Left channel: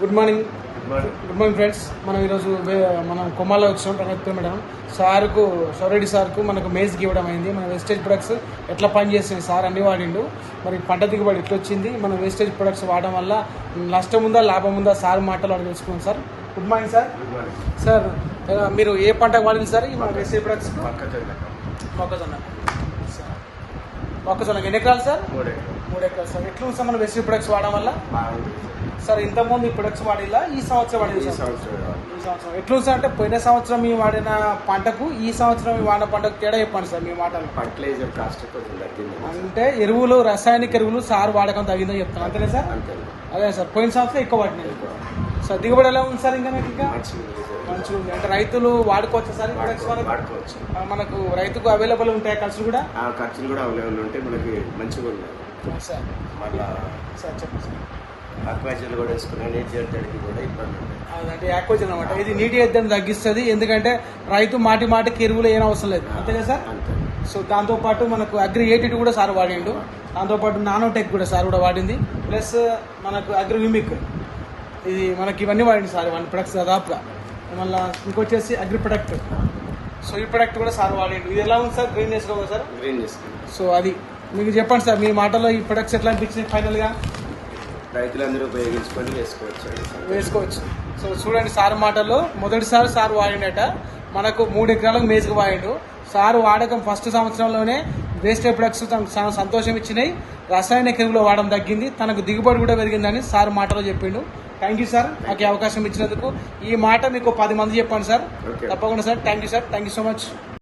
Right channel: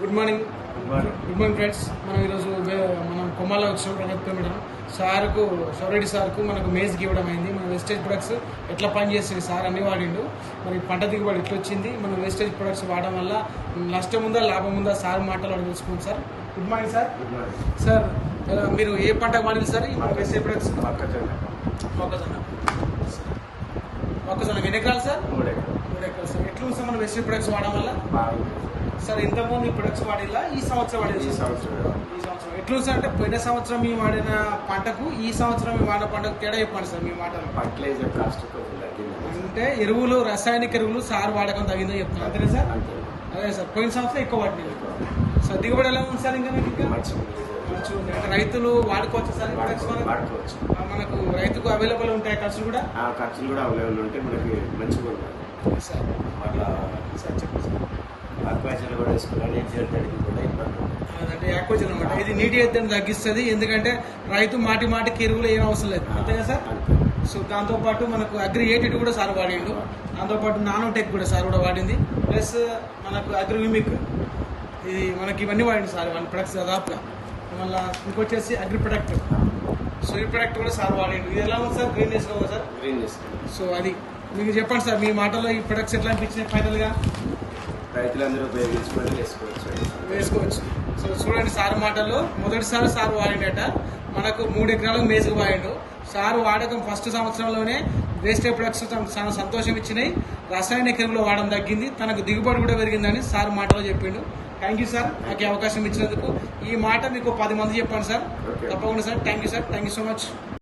Good morning friends. మనం ఈరోజు మనం కొమ్మాలో వచ్చినాం రంగత్వ మేడం సార్కు సౌరెడ్డి సార్కు మనకు మేజ్కి ఇవ్వడం అయింది. మన వేస్టేజ్ ప్రొడక్ట్స్ ఎట్లా పనిచేస్తుంది సార్ అన్ని వాడిండు. మరి పంట దిగుబడి ఎట్లా వచ్చింది, మన వేస్టేజ్ ప్రొడక్ట్స్ వాడడం వల్ల నష్టం ఉందా లాభం ఉందా సార్ మాటలు అడిగి తెలుసుకున్నాం sir. Good morning sir. Sir మీరు ఏ పంట వాడింది సార్ మన వేస్టేజ్ ప్రొడక్ట్స్? మొక్కజొన్న ఎన్ని ఎకరాలు సార్? 3 ఎకరాలు సార్. ఎట్లా సార్ మన వేస్టేజ్ ప్రొడక్ట్స్ వాడడం వల్ల? సార్ ఇంతకుముందు ఈ ప్రొడక్ట్స్ వాడిలా ఈ సంవత్సరం వాడింది సార్? ఈ సంవత్సరం ఎట్లా సార్ అంటే పోయిన సంవత్సరం మేము వాడిన పంటకు ఈ సంవత్సరం వాడిన పంటకు తేడా చెప్పండి సార్ మీ మాటలు. ఫర్టిలైజర్ కాస్ట్ అంటే ఎరువులు రాసాయనిక ఎరువులు సార్ వాడకం తగ్గిందని చెప్తాను అంతేనే సార్? అదే సార్ పోయిన సంవత్సరం ఎక్కువ వాడినాయి సార్. దిగుబడి ఎలా ఉంది సార్? ఇంకా మంచిగా ఉంది. అంటే రైతులు వాడుకోవచ్చు సార్ ఈ ప్రొడక్ట్స్? మనకు రైతుకు అవైలబుల్ ఉంటాయి ఖర్చులు కూడా? ఖర్చులు కూడా ఉంటే మనకి మంచిగా ఉన్నాయి సార్. సార్ చెప్పండి సార్. ఆక్వాజన్ కూడా వేసుకున్నాం, నీటి ఎద్దడికి కూడా ఇబ్బంది ఉంది. అదంటే ఆక్వాజన్ అనమాట. ఇది నీటి ఎద్దడిని తగ్గిస్తుంది, ఎందుకంటే రైతు మాటికి ఎరువులు ఏం అవసరం లేదు అంతేగా సార్? సో దాంతోపాటు మనకు అగ్రి 82 కూడా సార్ వాడిండు, దాంతోపాటు నానోటెక్ కూడా సార్ కూడా వాడింది, ప్లస్ మనకు అగ్రి విమిక్ ఇది మనకి ఇవన్నీ వాడింది సార్ 1 ప్రొడక్ట్స్ దాదాపుగా. మళ్ళీ ఇంకొచ్చేసి అగ్రి ప్రొడక్ట్, సో ఈ ప్రొడక్ట్ కూడా సార్ వాడిండు. ఇది ఎలా ఉంది సార్? గ్రీన్ చేసుకో సార్. సో అది మీకు చెప్పండి సార్ మీ మాటలో ఈ ప్రొడక్ట్స్ ఎట్లా అనిపించింది ఫైనల్ గా? రైతులందరూ ఉపయోగించుకొని వేసుకోవచ్చు. సో చూడండి సార్ మాటల్లో మొదటిసారి సార్ వాడినట మనకు 3 ఎకరాలకు మేజుగా వాడిండు. సార్ వాడకం ఫస్ట్ సంవత్సరంలోనే వేస్టేజ్ ప్రొడక్ట్స్ తనకు చాలా సంతోషం ఇచ్చినాయి, రసాయనిక ఎరువులు వాడడం తగ్గింది, తనకు దిగుబడి కూడా పెరిగిందని సార్ మాటలో చెప్పిండు. థ్యాంక్ యూ సార్ నాకు అవకాశం ఇచ్చినందుకు. ఈ మాట మీకు 10 మంది చెప్పండి సార్ తప్పకుండా sir. Thank you sir. Thank you so much.